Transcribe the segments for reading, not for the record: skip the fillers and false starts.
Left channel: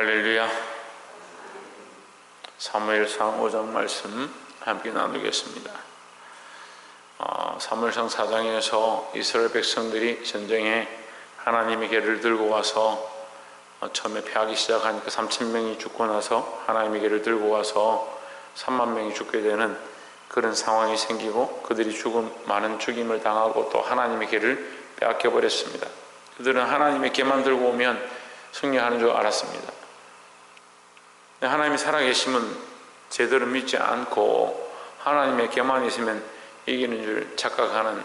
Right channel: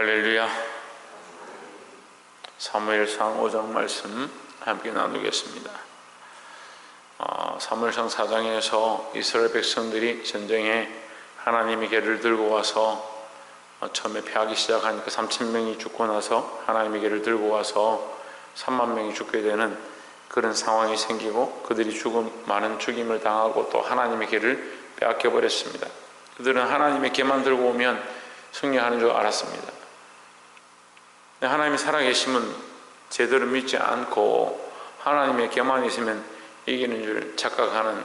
할렐루야. 사무엘상 5장 말씀 함께 나누겠습니다. 사무엘상 4장에서 이스라엘 백성들이 전쟁에 하나님의 궤를 들고 와서 처음에 패하기 시작하니까 3,000명이 죽고 나서 하나님의 궤를 들고 와서 3만 명이 죽게 되는 그런 상황이 생기고, 그들이 많은 죽임을 당하고 또 하나님의 궤를 빼앗겨 버렸습니다. 그들은 하나님의 궤만 들고 오면 승리하는 줄 알았습니다. 하나님이 살아계심은 제대로 믿지 않고 하나님의 궤만 있으면 이기는 줄 착각하는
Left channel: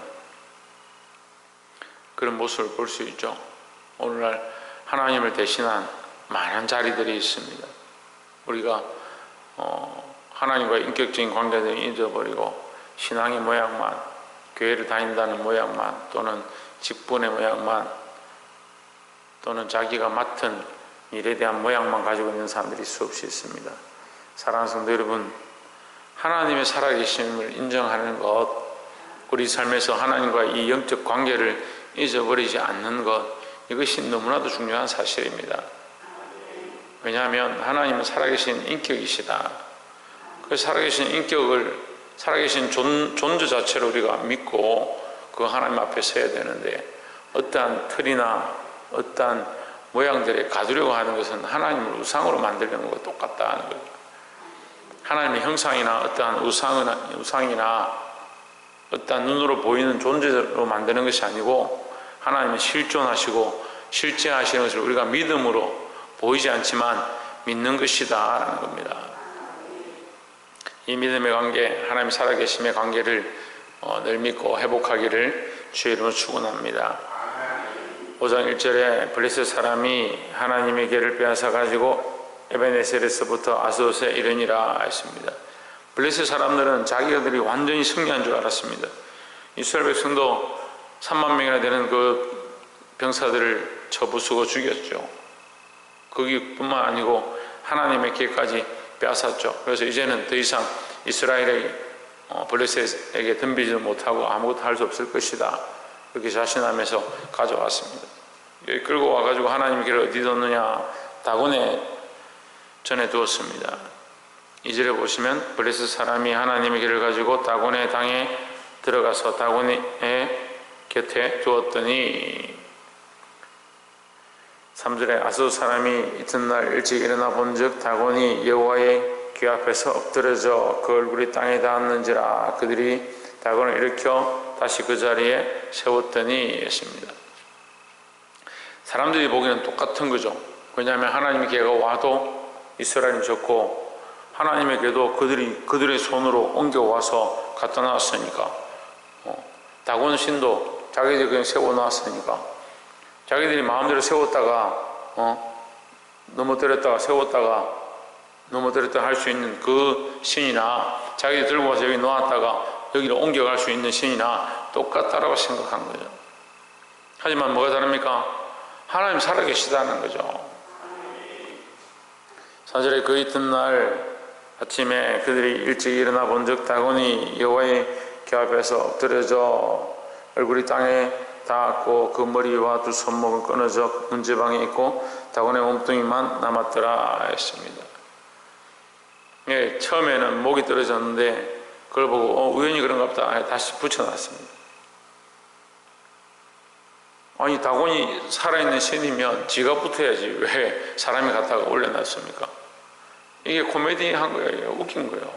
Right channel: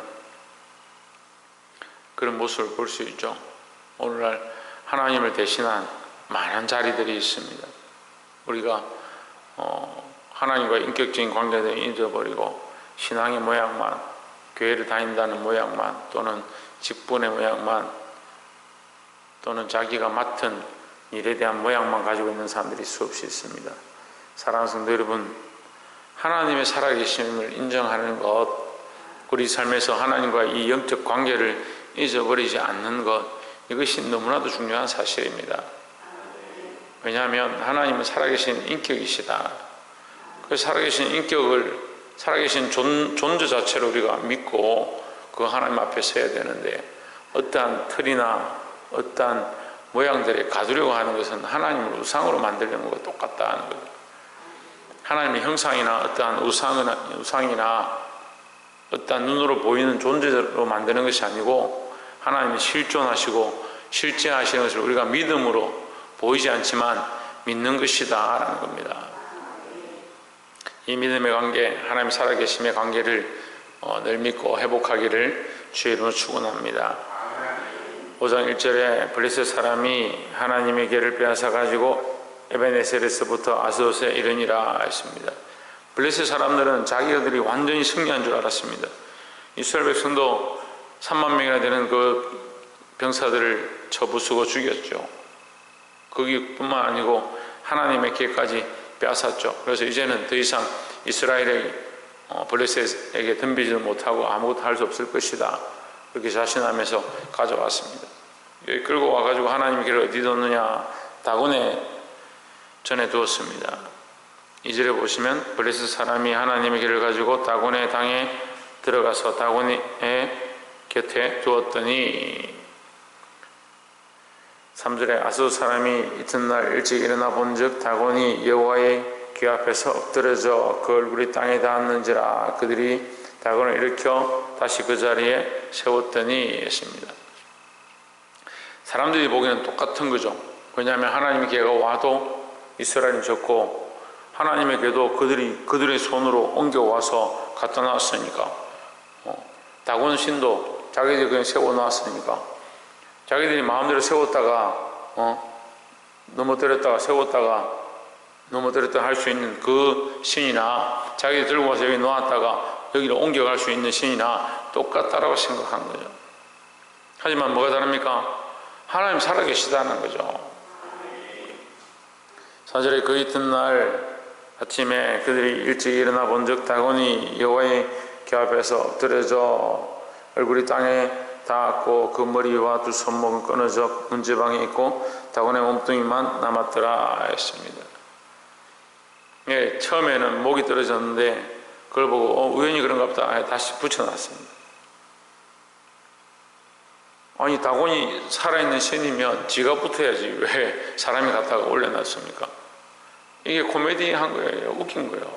그런 모습을 볼 수 있죠. 오늘날 하나님을 대신한 많은 자리들이 있습니다. 우리가 하나님과 인격적인 관계를 잊어버리고 신앙의 모양만, 교회를 다닌다는 모양만, 또는 직분의 모양만, 또는 자기가 맡은 일에 대한 모양만 가지고 있는 사람들이 수없이 있습니다. 사랑하는 성도 여러분, 하나님의 살아계심을 인정하는 것, 우리 삶에서 하나님과 이 영적 관계를 잊어버리지 않는 것, 이것이 너무나도 중요한 사실입니다. 왜냐하면 하나님은 살아계신 인격이시다. 그 살아계신 인격을, 살아계신 존재 자체로 우리가 믿고 그 하나님 앞에 서야 되는데, 어떠한 틀이나 어떠한 모양들에 가두려고 하는 것은 하나님을 우상으로 만들려는 것과 똑같다는 거죠. 하나님의 형상이나 어떠한 우상이나 어떠한 눈으로 보이는 존재로 만드는 것이 아니고, 하나님은 실존하시고 실제하시는 것을 우리가 믿음으로 보이지 않지만 믿는 것이다 라는 겁니다. 이 믿음의 관계, 하나님 살아계심의 관계를 늘 믿고 회복하기를 주의 이름으로 축원합니다. 5장 1절에 블레셋 사람이 하나님의 궤를 빼앗아 가지고 에벤에셀에서부터 아스돗에 이르니라 했습니다. 블레셋 사람들은 자기들이 완전히 승리한 줄 알았습니다. 이스라엘 백성도 3만 명이나 되는 그 병사들을 쳐부수고 죽였죠. 거기뿐만 아니고 하나님의 궤까지 빼앗았죠. 그래서 이제는 더 이상 이스라엘이 블레셋에게 덤비지도 못하고 아무것도 할 수 없을 것이다, 그렇게 자신하면서 가져왔습니다. 여기 끌고 와가지고 하나님의 궤를 어디 뒀느냐? 다곤에 전에 두었습니다. 2절에 보시면 블레셋 사람이 하나님의 궤를 가지고 다곤의 당에 들어가서 다곤의 곁에 두었더니, 3절에 아스돗 사람이 이튿날 일찍 일어나 본즉 다곤이 여호와의 궤 앞에서 엎드려져 그 얼굴이 땅에 닿았는지라. 그들이 다곤을 일으켜 다시 그 자리에 세웠더니 했습니다. 사람들이 보기에는 똑같은 거죠. 왜냐하면 하나님의 궤가 와도 이스라엘은 졌고, 하나님의 궤도 그들의 손으로 옮겨와서 갖다 놨으니까, 다곤 신도 자기들이 그냥 세워놨으니까, 자기들이 마음대로 세웠다가 넘어뜨렸다가 세웠다가 넘어뜨렸다 할 수 있는 그 신이나, 자기들이 들고 와서 여기 놓았다가 여기로 옮겨갈 수 있는 신이나 똑같다라고 생각한 거죠. 하지만 뭐가 다릅니까? 하나님 살아계시다는 거죠. 4절에 그 이튿날 아침에 그들이 일찍 일어나 본즉 다곤이 여호와의 궤 앞에서 엎드려져 얼굴이 땅에 닿았고 그 머리와 두 손목은 끊어져 문지방에 있고 다곤의 몸뚱이만 남았더라 했습니다. 예, 처음에는 목이 떨어졌는데 그걸 보고 우연히 그런가 보다 다시 붙여놨습니다. 아니, 다곤이 살아있는 신이면 지가 붙어야지 왜 사람이 갖다가 올려놨습니까? 이게 코미디한 거예요. 웃긴 거예요.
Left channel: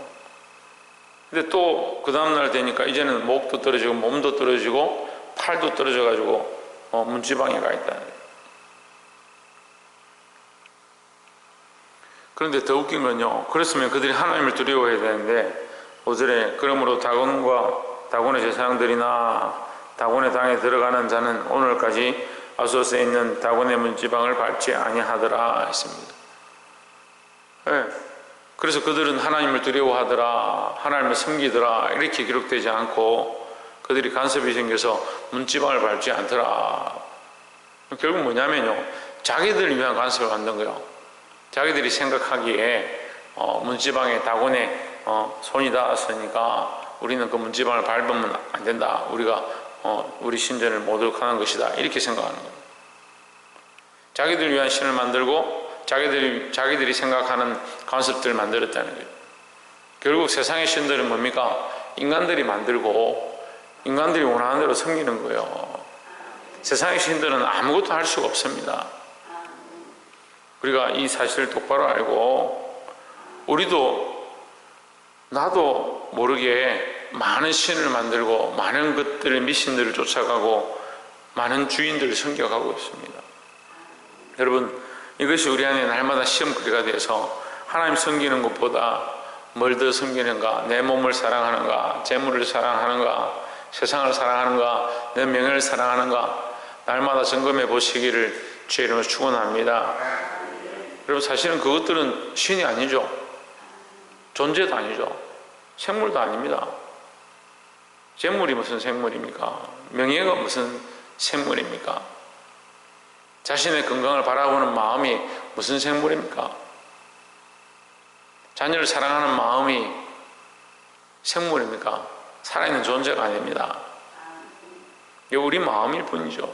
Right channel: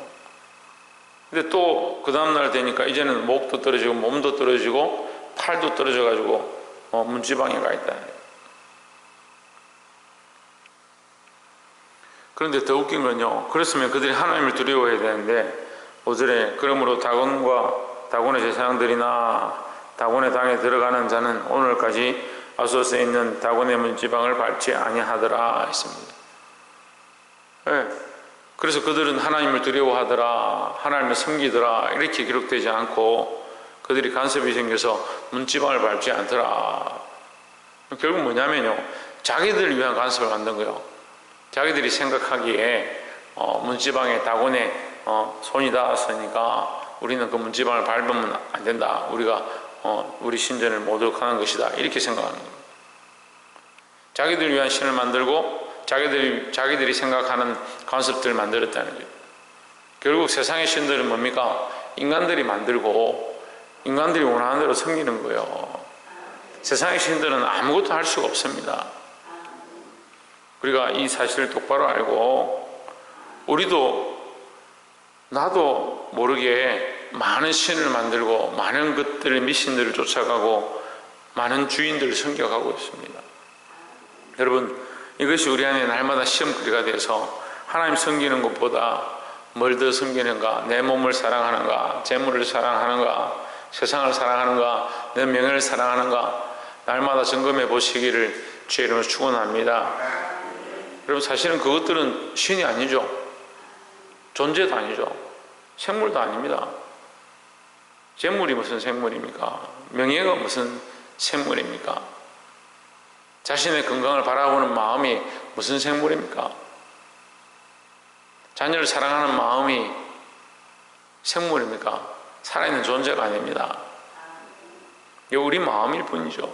근데 또 그 다음날 되니까 이제는 목도 떨어지고 몸도 떨어지고 팔도 떨어져가지고 문지방에 가 있다. 그런데 더 웃긴 건요, 그랬으면 그들이 하나님을 두려워해야 되는데 5절에 그러므로 다곤의 제사장들이나 다곤의 당에 들어가는 자는 오늘까지 아스돗에 있는 다곤의 문지방을 밟지 아니하더라 했습니다. 네. 그래서 그들은 하나님을 두려워하더라, 하나님을 섬기더라 이렇게 기록되지 않고 그들이 간섭이 생겨서 문지방을 밟지 않더라. 결국 뭐냐면요, 자기들을 위한 간섭을 만든 거예요. 자기들이 생각하기에 문지방에 다곤의 손이 닿았으니까 우리는 그 문지방을 밟으면 안 된다, 우리가 우리 신전을 모독하는 것이다, 이렇게 생각하는 거예요. 자기들 위한 신을 만들고 자기들이 생각하는 관습들을 만들었다는 거예요. 결국 세상의 신들은 뭡니까? 인간들이 만들고 인간들이 원하는 대로 섬기는 거예요. 세상의 신들은 아무것도 할 수가 없습니다. 우리가 이 사실을 똑바로 알고 나도 모르게 많은 신을 만들고 많은 것들의 미신들을 쫓아가고 많은 주인들을 섬겨가고 있습니다. 여러분, 이것이 우리 안에 날마다 시험거리가 돼서 하나님 섬기는 것보다 뭘 더 섬기는가? 내 몸을 사랑하는가? 재물을 사랑하는가? 세상을 사랑하는가? 내 명예를 사랑하는가? 날마다 점검해 보시기를 주의 이름으로 축원합니다. 여러분, 사실은 그것들은 신이 아니죠. 존재도 아니죠. 생물도 아닙니다. 재물이 무슨 생물입니까? 명예가 무슨 생물입니까? 자신의 건강을 바라보는 마음이 무슨 생물입니까? 자녀를 사랑하는 마음이 생물입니까? 살아있는 존재가 아닙니다. 이게 우리 마음일 뿐이죠.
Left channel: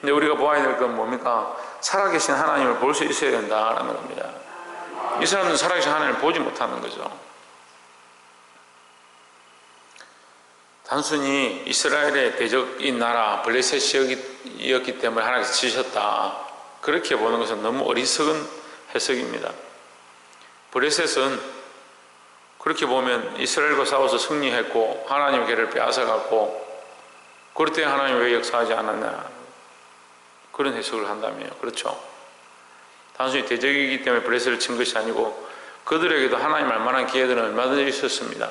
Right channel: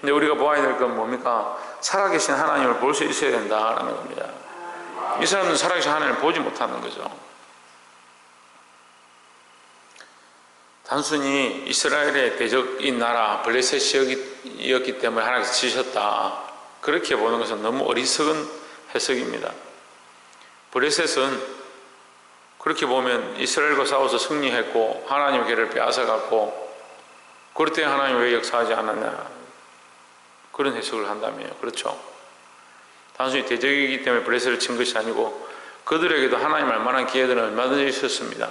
근데 우리가 보아야 될 건 뭡니까? 살아계신 하나님을 볼 수 있어야 된다라는 겁니다. 이 사람들은 살아계신 하나님을 보지 못하는 거죠. 단순히 이스라엘의 대적인 나라 블레셋이었기 때문에 하나님께서 지셨다, 그렇게 보는 것은 너무 어리석은 해석입니다. 블레셋은 그렇게 보면 이스라엘과 싸워서 승리했고 하나님의 길을 빼앗아갔고, 그럴 때 하나님 왜 역사하지 않았냐, 그런 해석을 한다면요. 그렇죠. 단순히 대적이기 때문에 블레셋을 친 것이 아니고 그들에게도 하나님 알만한 기회들은 얼마든지 있었습니다.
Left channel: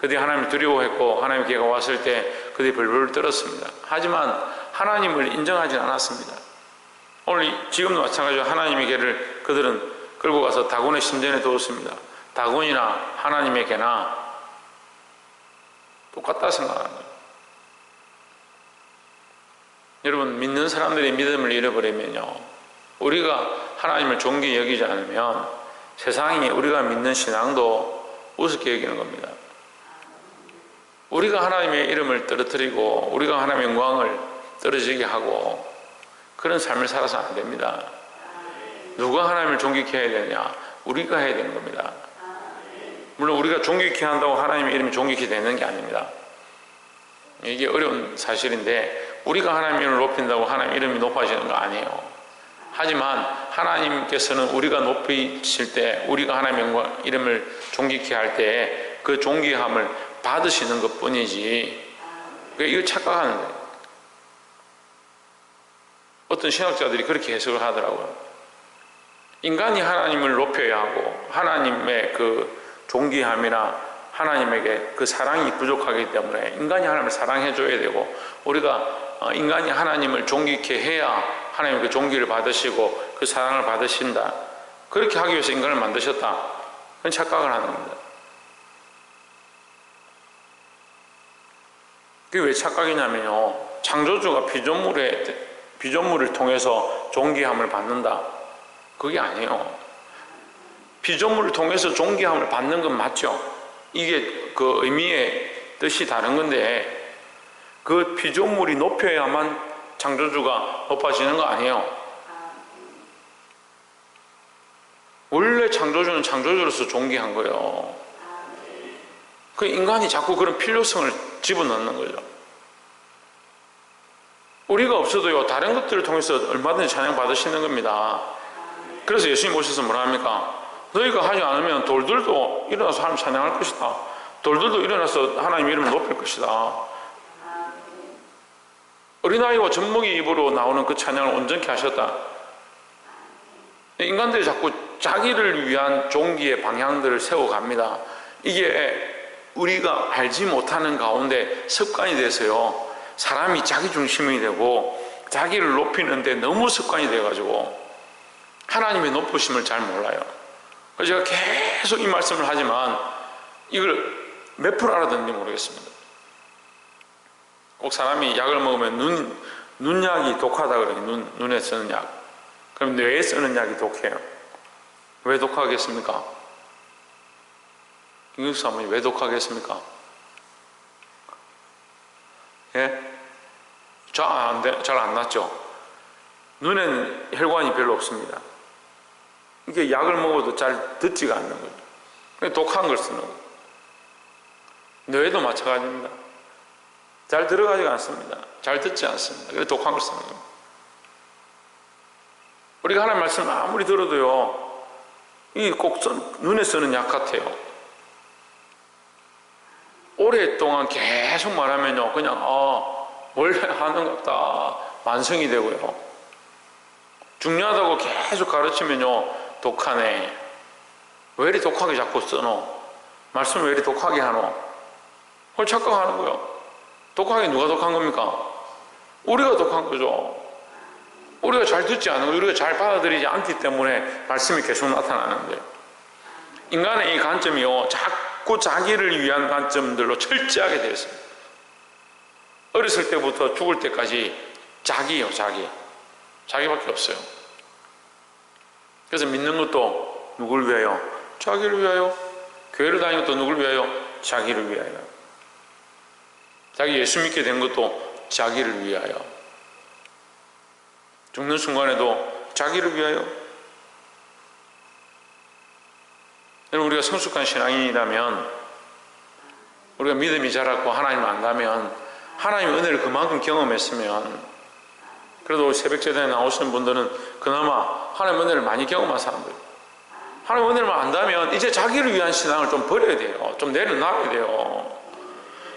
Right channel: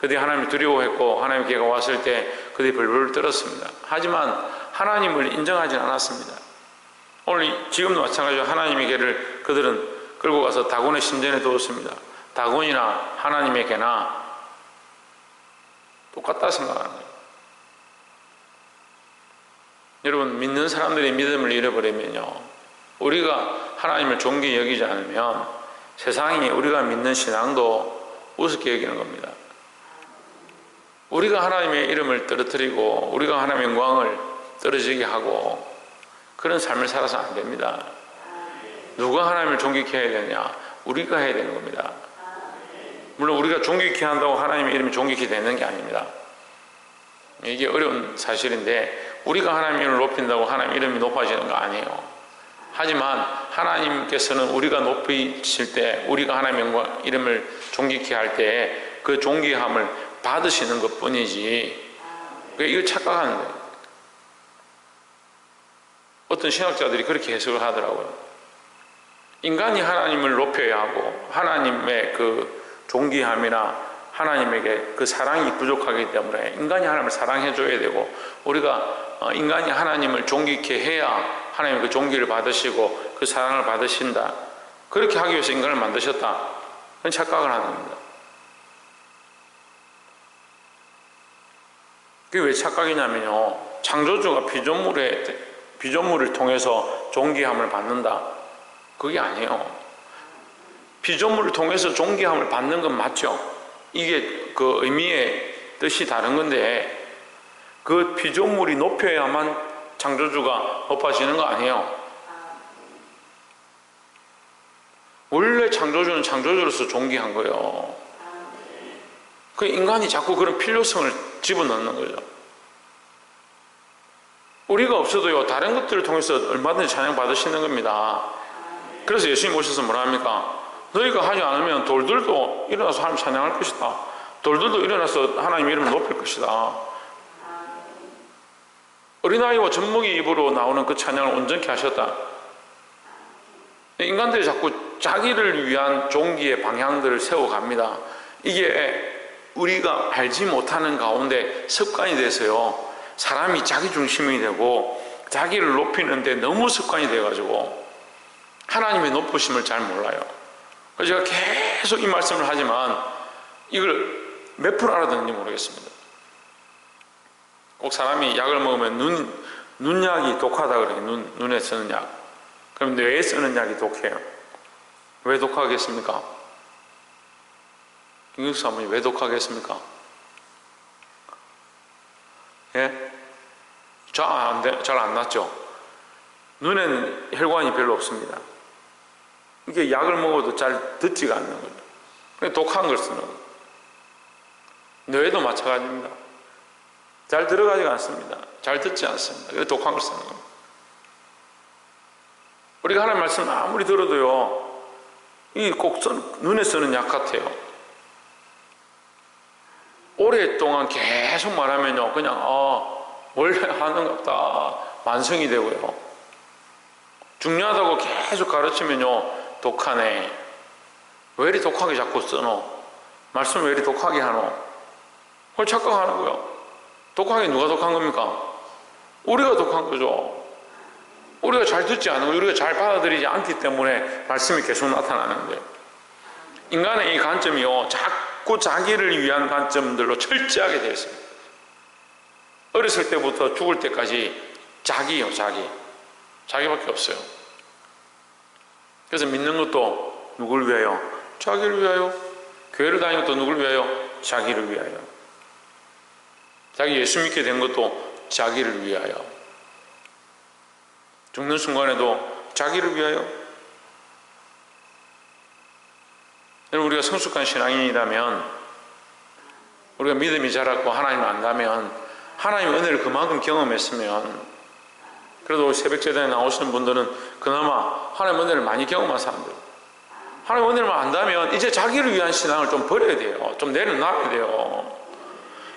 그들이 하나님을 두려워했고 하나님의 기회가 왔을 때 그들이 벌벌 떨었습니다. 하지만 하나님을 인정하지 않았습니다. 오늘 지금도 마찬가지로 하나님의 개를 그들은 끌고 가서 다곤의 신전에 두었습니다. 다곤이나 하나님의 개나 똑같다 생각하는 거예요. 여러분, 믿는 사람들이 믿음을 잃어버리면요, 우리가 하나님을 존귀히 여기지 않으면 세상이 우리가 믿는 신앙도 우습게 여기는 겁니다. 우리가 하나님의 이름을 떨어뜨리고 우리가 하나님의 영광을 떨어지게 하고 그런 삶을 살아서 안 됩니다. 누가 하나님을 존귀케 해야 되냐? 우리가 해야 되는 겁니다. 물론 우리가 존귀케 한다고 하나님의 이름이 존귀케 되는 게 아닙니다. 이게 어려운 사실인데, 우리가 하나님의 이름을 높인다고 하나님의 이름이 높아지는 거 아니에요. 하지만 하나님께서는 우리가 높이실 때, 우리가 하나님의 영광 이름을 존귀케 할 때 그 존귀함을 받으시는 것 뿐이지, 이거 착각하는 거예요. 어떤 신학자들이 그렇게 해석을 하더라고요. 인간이 하나님을 높여야 하고 하나님의 그 존귀함이나 하나님에게 그 사랑이 부족하기 때문에 인간이 하나님을 사랑해 줘야 되고, 우리가 인간이 하나님을 존귀케 해야 하나님의 그 존귀를 받으시고 그 사랑을 받으신다, 그렇게 하기 위해서 인간을 만드셨다, 그런 착각을 하는 겁니다. 그게 왜 착각이냐면요, 창조주가 피조물을 통해서 존귀함을 받는다, 그게 아니에요. 피조물을 통해서 존귀함을 받는 건 맞죠. 이게 그 의미의 뜻이 다른 건데, 그 피조물이 높여야만 창조주가 높아지는 거 아니에요. 원래 창조주는 창조주로서 존귀한 거예요. 그 인간이 자꾸 그런 필요성을 집어넣는 거죠. 우리가 없어도요, 다른 것들을 통해서 얼마든지 찬양 받으시는 겁니다. 그래서 예수님 오셔서 뭐라 합니까? 너희가 하지 않으면 돌들도 일어나서 하나님 찬양할 것이다. 돌들도 일어나서 하나님 이름을 높일 것이다. 어린아이와 젖먹이 입으로 나오는 그 찬양을 온전케 하셨다. 인간들이 자꾸 자기를 위한 존귀의 방향들을 세워갑니다. 이게 우리가 알지 못하는 가운데 습관이 돼서요, 사람이 자기 중심이 되고 자기를 높이는데 너무 습관이 돼가지고 하나님의 높으심을 잘 몰라요. 그래서 제가 계속 이 말씀을 하지만 이걸 몇 프로 알아듣는지 모르겠습니다. 꼭 사람이 약을 먹으면 눈약이 독하다 그래요. 눈에 쓰는 약. 그럼 뇌에 쓰는 약이 독해요. 왜 독하겠습니까? 김경수 사모님, 왜 독하겠습니까? 예? 잘 안 났죠? 눈에는 혈관이 별로 없습니다. 이게 약을 먹어도 잘 듣지가 않는 거죠. 그냥 독한 걸 쓰는 거예요. 뇌도 마찬가지입니다. 잘 들어가지가 않습니다. 잘 듣지 않습니다. 그래서 독한 걸 쓰는 겁니다. 우리가 하나님 말씀을 아무리 들어도요, 이 꼭 눈에 쓰는 약 같아요. 오랫동안 계속 말하면요, 그냥 원래 하는 것다 완성이 되고요. 중요하다고 계속 가르치면요, 독하네. 왜 이리 독하게 자꾸 써노? 말씀 왜 이리 독하게 하노? 그걸 착각하는 거예요. 독하게 누가 독한 겁니까? 우리가 독한 거죠. 우리가 잘 듣지 않은 거, 우리가 잘 받아들이지 않기 때문에 말씀이 계속 나타나는 거예요. 인간의 이 관점이요, 자꾸 자기를 위한 관점들로 철저하게 되어 있습니다. 어렸을 때부터 죽을 때까지 자기요, 자기밖에 없어요. 그래서 믿는 것도 누굴 위하여? 자기를 위하여. 교회를 다니는 것도 누굴 위하여? 자기를 위하여. 자기 예수 믿게 된 것도 자기를 위하여. 죽는 순간에도 자기를 위하여. 여러분, 우리가 성숙한 신앙인이라면, 우리가 믿음이 자랐고 하나님을 안다면, 하나님의 은혜를 그만큼 경험했으면, 그래도 새벽제단에 나오시는 분들은 그나마 하나님의 은혜를 많이 경험한 사람들. 하나님의 은혜를 안다면 이제 자기를 위한 신앙을 좀 버려야 돼요. 좀 내려놔야 돼요.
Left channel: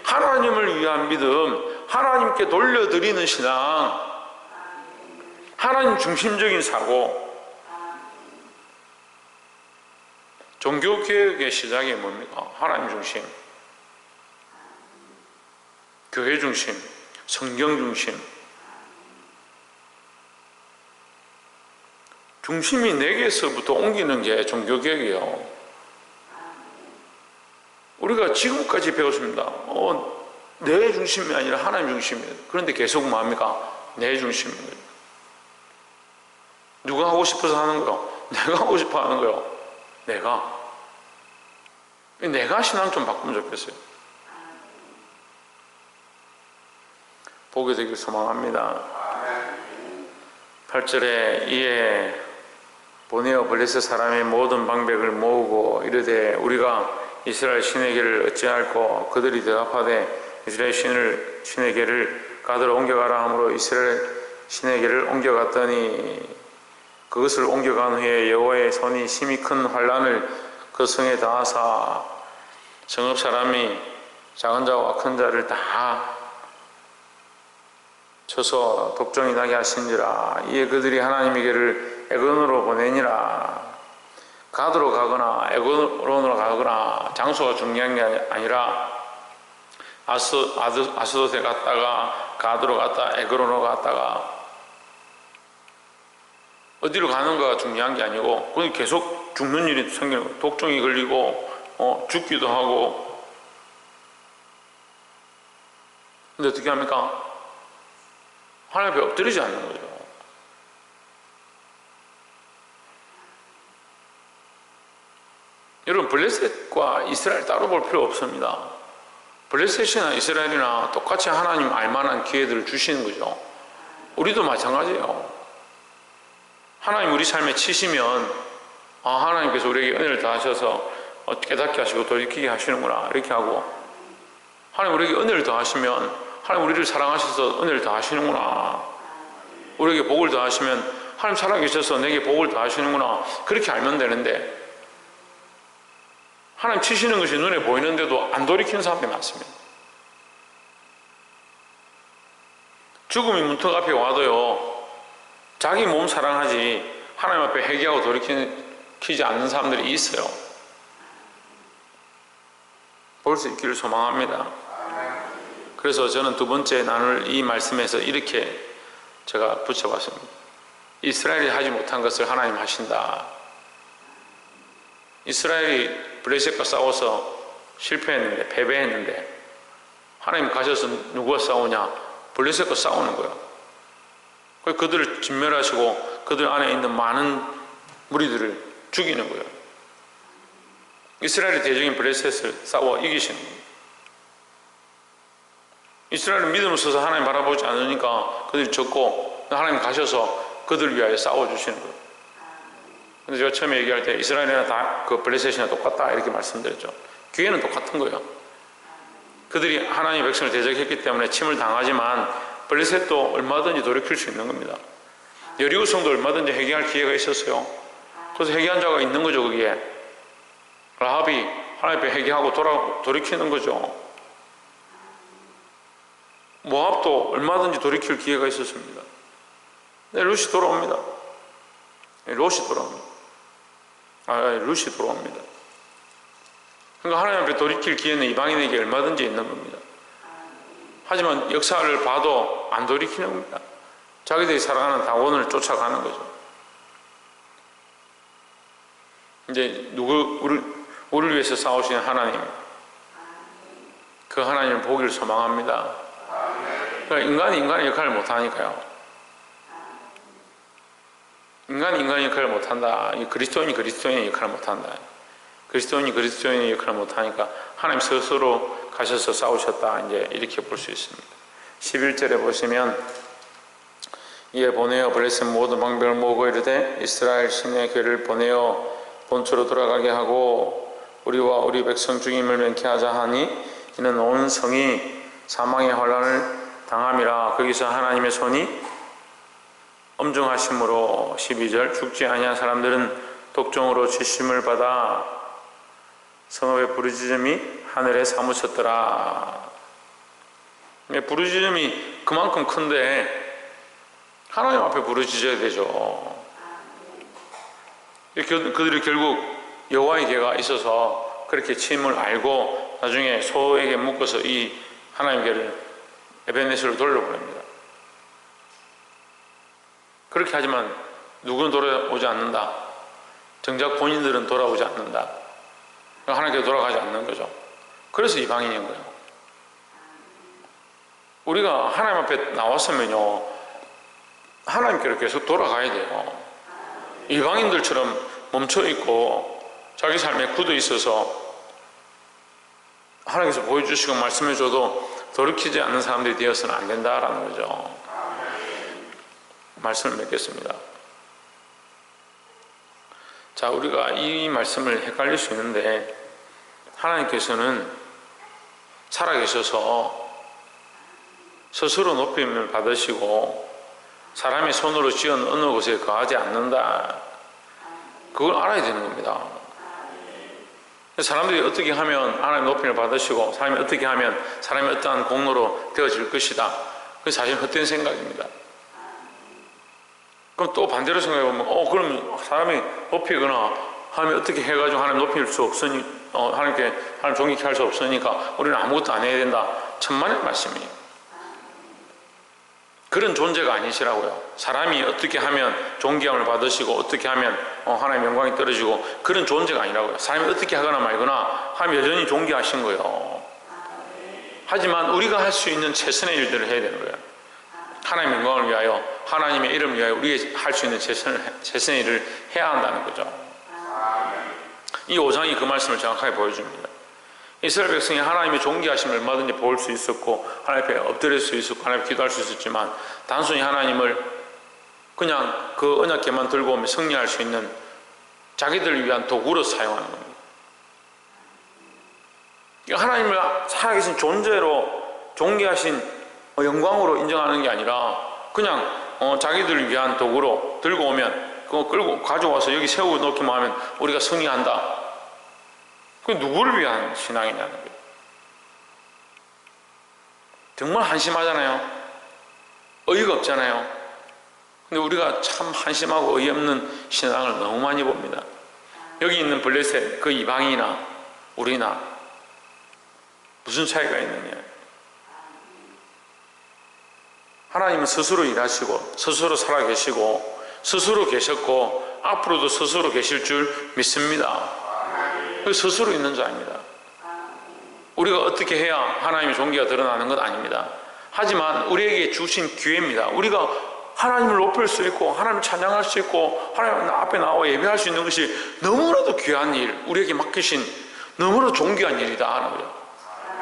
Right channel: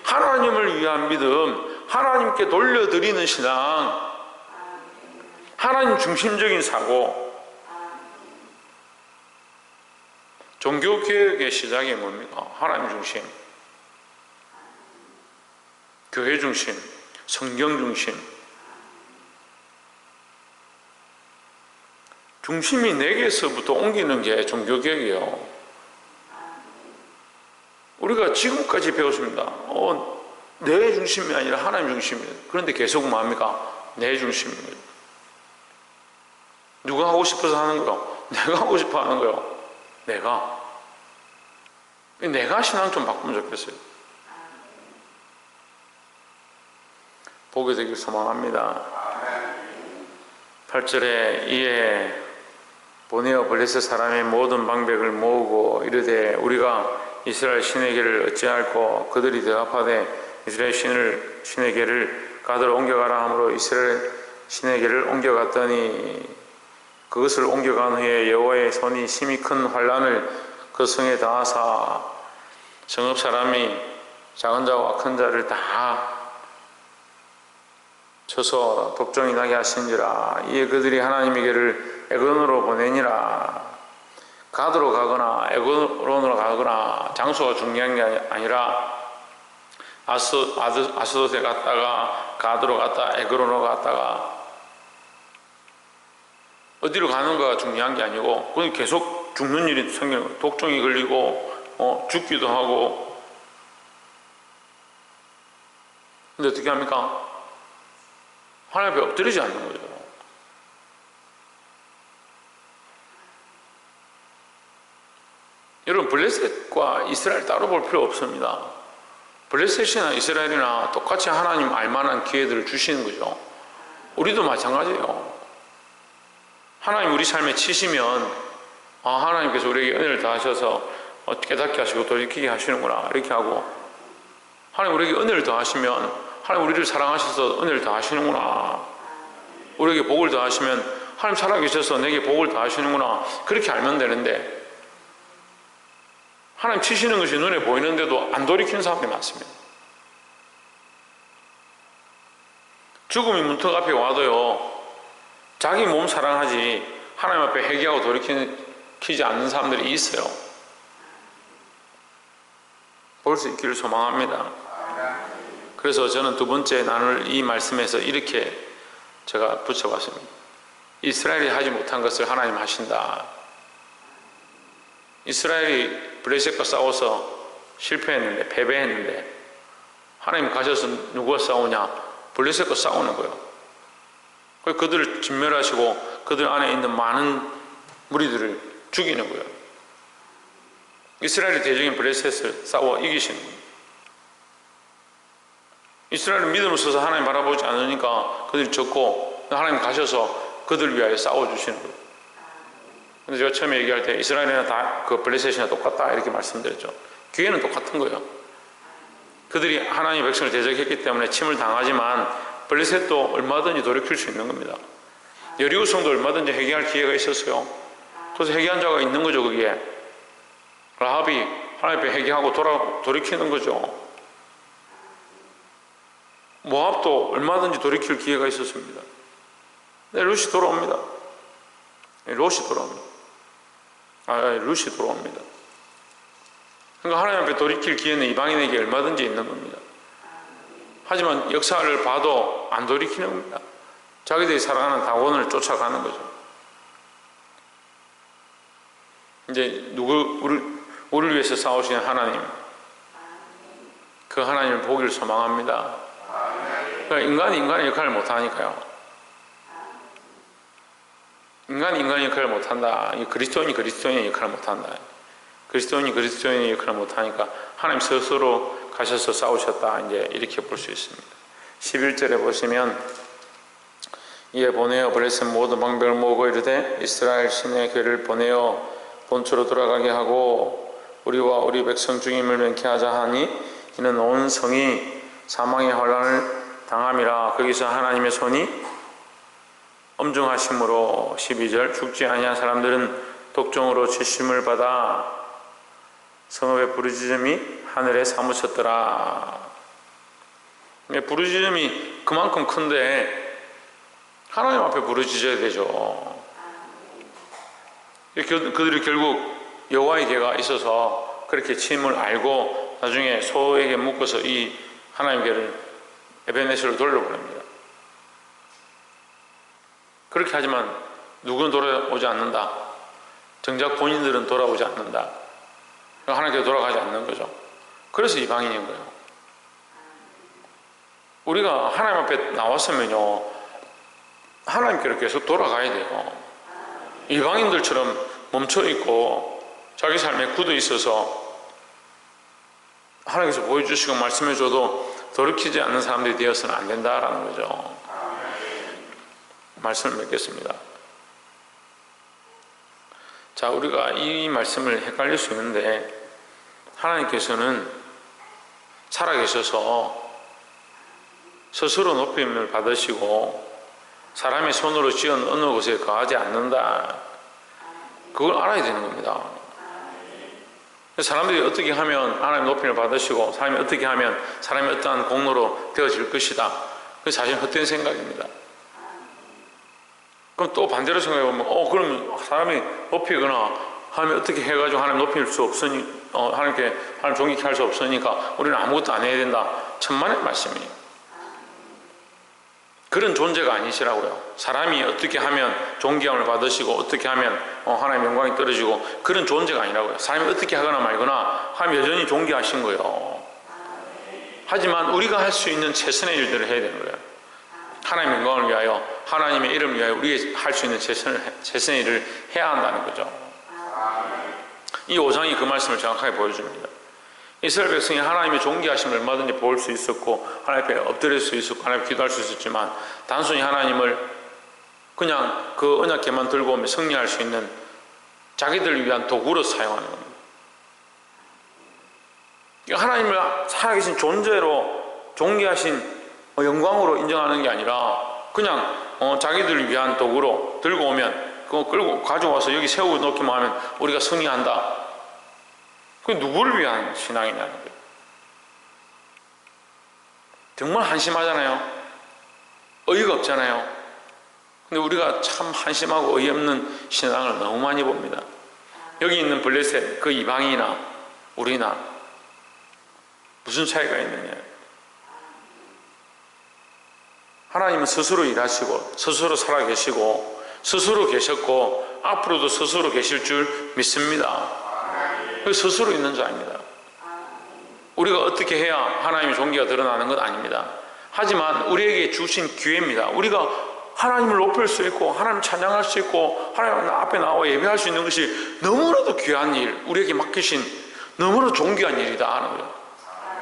하나님을 위한 믿음, 하나님께 돌려드리는 신앙, 하나님 중심적인 사고. 종교개혁의 시작이 뭡니까? 하나님 중심, 교회 중심, 성경 중심. 중심이 내게서부터 옮기는 게 종교개혁이에요. 우리가 지금까지 배웠습니다. 내 중심이 아니라 하나님 중심이에요. 그런데 계속 뭐합니까? 내 중심이에요. 누가 하고 싶어서 하는 거요? 내가 하고 싶어 하는 거요. 내가 신앙 좀 바꾸면 좋겠어요. 보게 되길 소망합니다. 8절에 이에 보내어 블레셋 사람의 모든 방백을 모으고 이르되 우리가 이스라엘 신에게를 어찌할꼬? 그들이 대답하되 이스라엘 신에게를 가드로 옮겨가라 하므로 이스라엘 신에게를 옮겨갔더니 그것을 옮겨간 후에 여호와의 손이 심히 큰 환난을 그 성에 다하사 성읍 사람이 작은 자와 큰 자를 다 쳐서 독종이 나게 하신지라. 이에 그들이 하나님에게를 에그론으로 보내니라. 가드로 가거나 에그론으로 가거나 장소가 중요한 게 아니라 아스돗에 갔다가 가드로 갔다 에그론으로 갔다가 어디로 가는가가 중요한 게 아니고 거기 계속 죽는 일이 생기는 거예요. 독종이 걸리고 죽기도 하고. 근데 어떻게 합니까? 하나님 앞에 엎드리지 않는 거죠. 여러분, 블레셋과 이스라엘 따로 볼 필요 없습니다. 블레셋이나 이스라엘이나 똑같이 하나님 알만한 기회들을 주시는 거죠. 우리도 마찬가지예요. 하나님 우리 삶에 치시면 하나님께서 우리에게 은혜를 더하셔서 깨닫게 하시고 돌이키게 하시는구나 이렇게 하고, 하나님 우리에게 은혜를 더하시면 하나님 우리를 사랑하셔서 은혜를 더하시는구나, 우리에게 복을 더하시면 하나님 살아계셔서 내게 복을 더하시는구나 그렇게 알면 되는데, 하나님 치시는 것이 눈에 보이는데도 안 돌이키는 사람이 많습니다. 죽음이 문턱 앞에 와도요 자기 몸 사랑하지 하나님 앞에 회개하고 돌이키지 않는 사람들이 있어요. 볼 수 있기를 소망합니다. 그래서 저는 두 번째 나눌 이 말씀에서 이렇게 제가 붙여봤습니다. 이스라엘이 하지 못한 것을 하나님 하신다. 이스라엘이 블레셋과 싸워서 실패했는데, 패배했는데 하나님 가셔서 누구와 싸우냐? 블레셋과 싸우는 거예요. 그들을 진멸하시고 그들 안에 있는 많은 무리들을 죽이는 거예요. 이스라엘이 대적인 블레셋을 싸워 이기시는 거예요. 이스라엘은 믿음을 써서 하나님 바라보지 않으니까 그들이 졌고, 하나님 가셔서 그들을 위하여 싸워주시는 거예요. 근데 제가 처음에 얘기할 때 이스라엘이나 다 그 블레셋이나 똑같다 이렇게 말씀드렸죠. 교회는 똑같은 거예요. 그들이 하나님의 백성을 대적했기 때문에 침을 당하지만 블레셋도 얼마든지 돌이킬 수 있는 겁니다. 여리고성도 얼마든지 회개할 기회가 있었어요. 그래서 회개한 자가 있는 거죠. 거기에 라합이 하나님 앞에 회개하고 돌이키는 거죠. 모압도 얼마든지 돌이킬 기회가 있었습니다. 네, 룻이 돌아옵니다. 롯이 돌아옵니다. 룻이 돌아옵니다. 그러니까 하나님 앞에 돌이킬 기회는 이방인에게 얼마든지 있는 겁니다. 하지만 역사를 봐도 안 돌이키는 겁니다. 자기들이 살아가는 다원을 쫓아가는 거죠. 이제 우리를 위해서 싸우시는 하나님, 그 하나님을 보기를 소망합니다. 그러니까 인간이 인간의 역할을 못하니까요. 인간이 인간의 역할을 못한다. 그리스도인이 그리스도인의 역할을 못한다. 그리스도인이 그리스도인의 역할을 못하니까 하나님 스스로 가셔서 싸우셨다. 이제 이렇게 볼 수 있습니다. 11절에 보시면 이에 보내어 블레셋 모든 방백을 모으고 이르되 이스라엘 신의 교회를 보내어 본초로 돌아가게 하고 우리와 우리 백성 죽임을 명쾌하자 하니 이는 온 성이 사망의 환난을 당함이라. 거기서 하나님의 손이 엄중하심으로 12절 죽지 아니한 사람들은 독종으로 치심을 받아 성읍의 부르짖음이 하늘에 사무쳤더라. 부르짖음이 그만큼 큰데 하나님 앞에 부르짖어야 되죠. 그들이 결국 여호와의 계가 있어서 그렇게 침을 알고 나중에 소에게 묶어서 이 하나님의 계를 에벤네스로 돌려보냅니다. 그렇게 하지만 누구는 돌아오지 않는다. 정작 본인들은 돌아오지 않는다. 하나님께 돌아가지 않는 거죠. 그래서 이방인인 거예요. 우리가 하나님 앞에 나왔으면요, 하나님께로 계속 돌아가야 돼요. 이방인들처럼 멈춰있고 자기 삶에 굳어 있어서 하나님께서 보여주시고 말씀해줘도 돌이키지 않는 사람들이 되어서는 안 된다라는 거죠. 말씀을 맺겠습니다. 자, 우리가 이 말씀을 헷갈릴 수 있는데 하나님께서는 살아계셔서 스스로 높임을 받으시고 사람의 손으로 지은 어느 곳에 거하지 않는다. 그걸 알아야 되는 겁니다. 사람들이 어떻게 하면 하나님 높임을 받으시고 사람이 어떻게 하면 사람이 어떠한 공로로 되어질 것이다. 그게 사실 헛된 생각입니다. 그럼 또 반대로 생각해보면 그럼 사람이 높이거나 하나님 어떻게 해가지고 하나님 높일 수 없으니 하나님께 하나님 존귀케 할 수 없으니까 우리는 아무것도 안 해야 된다. 천만의 말씀이에요. 그런 존재가 아니시라고요. 사람이 어떻게 하면 존귀함을 받으시고 어떻게 하면 하나님의 영광이 떨어지고 그런 존재가 아니라고요. 사람이 어떻게 하거나 말거나 하나님 여전히 존귀하신 거예요. 하지만 우리가 할 수 있는 최선의 일들을 해야 되는 거예요. 하나님의 영광을 위하여 하나님의 이름을 위하여 우리가 할 수 있는 최선의 일을 해야 한다는 거죠. 이 5장이 그 말씀을 정확하게 보여줍니다. 이스라엘 백성이 하나님의 존귀하심을 얼마든지 볼 수 있었고 하나님 앞에 엎드릴 수 있었고 하나님 앞에 기도할 수 있었지만 단순히 하나님을 그냥 그 언약궤만 들고 오면 승리할 수 있는 자기들을 위한 도구로 사용하는 겁니다. 하나님을 살아계신 존재로 존귀하신 영광으로 인정하는 게 아니라 그냥 자기들을 위한 도구로 들고 오면 그거 끌고 가져와서 여기 세워놓기만 하면 우리가 승리한다. 그게 누구를 위한 신앙이냐는 거예요. 정말 한심하잖아요. 어이가 없잖아요. 근데 우리가 참 한심하고 어이없는 신앙을 너무 많이 봅니다. 여기 있는 블레셋 그 이방이나 우리나 무슨 차이가 있느냐. 하나님은 스스로 일하시고 스스로 살아계시고 스스로 계셨고 앞으로도 스스로 계실 줄 믿습니다. 스스로 있는 자입니다. 우리가 어떻게 해야 하나님의 존귀가 드러나는 건 아닙니다. 하지만 우리에게 주신 기회입니다. 우리가 하나님을 높일 수 있고 하나님을 찬양할 수 있고 하나님 앞에 나와 예배할 수 있는 것이 너무나도 귀한 일, 우리에게 맡기신 너무나도 존귀한 일이다 하는 거예요.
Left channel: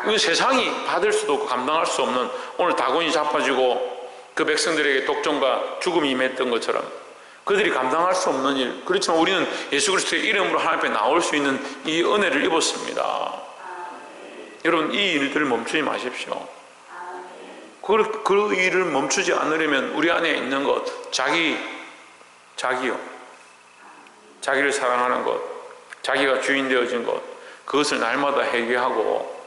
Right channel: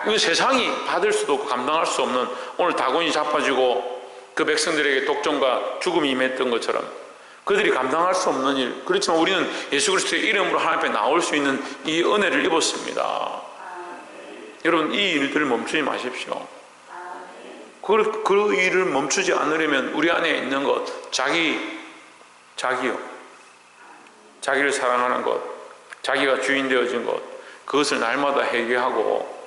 이건 세상이 받을 수도 없고 감당할 수 없는, 오늘 다곤이 잡아지고 그 백성들에게 독점과 죽음이 임했던 것처럼 그들이 감당할 수 없는 일, 그렇지만 우리는 예수 그리스도의 이름으로 하나님 앞에 나올 수 있는 이 은혜를 입었습니다. 여러분, 이 일들을 멈추지 마십시오. 그 일을 멈추지 않으려면 우리 안에 있는 것, 자기요, 자기를 사랑하는 것, 자기가 주인 되어진 것, 그것을 날마다 회개하고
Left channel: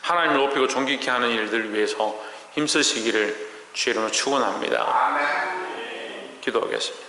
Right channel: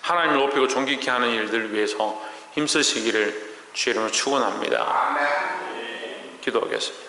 하나님을 높이고 존귀케 하는 일들을 위해서 힘쓰시기를 주의 이름으로 축원합니다. 기도하겠습니다.